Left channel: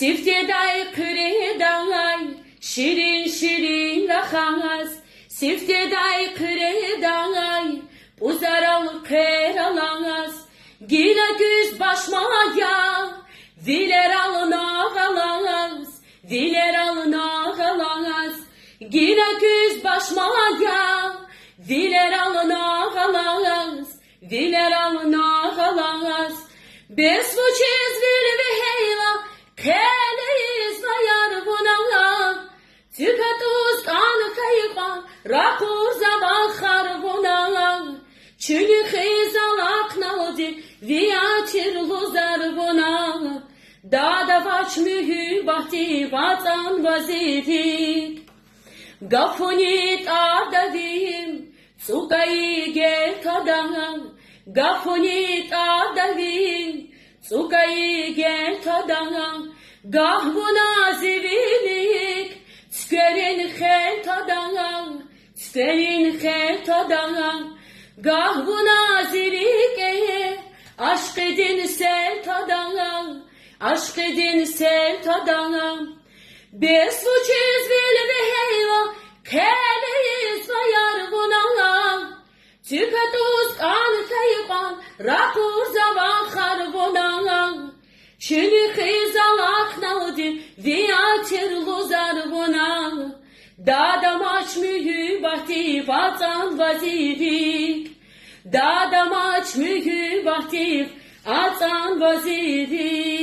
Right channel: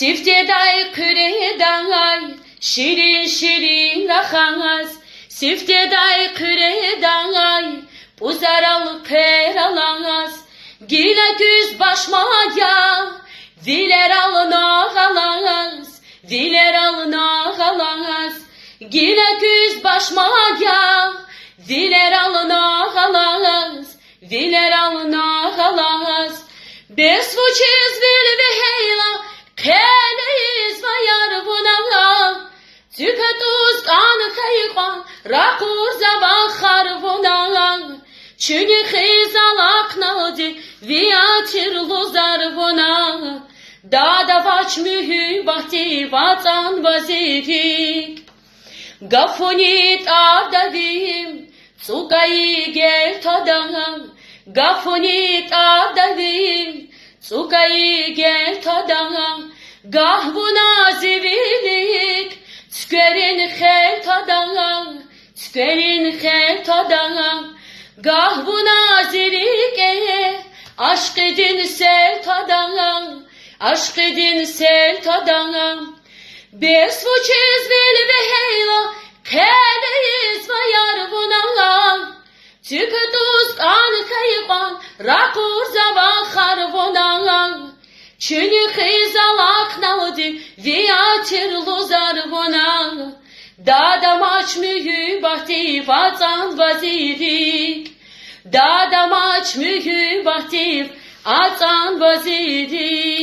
Sifteday küreday, şirin şirin rahas. Sifteday küreday, buzaralı keralas. Gile güz başmaya, diler alına galas. Diler alına galas. Gile güz başmaya, diler alına galas. Diler alına galas. Besvuçiz bil ve heyla, keleyiz vayar vuna. Tüketuz kan kayıkvan, rakur zabahar vuna. Çünkü khizalak nadi, viyatir luzar vuna. Dada vaç mühü bahti vatan vazirik. Gafunit avdavim, tsukayı gel tadam. Gafunit avdavim, tsukayı gel tadam. Gahbuna zivilik, tükerin hel tadam. Tükerin hel tadam. Gahbuna zilik, aşk edin sel tadam. Aşk edin sel tadam. Besvuçiz bil ve heyla, keleyiz vayar vuna. Tüketuz kan kayıpan, rakur zavahar vuna. Çünkü khizalak nadi, viyatir luzar vuna. Dadam aç mühü bahti vatan vazirik. Dadam aç mühü bahti vatan vazirik.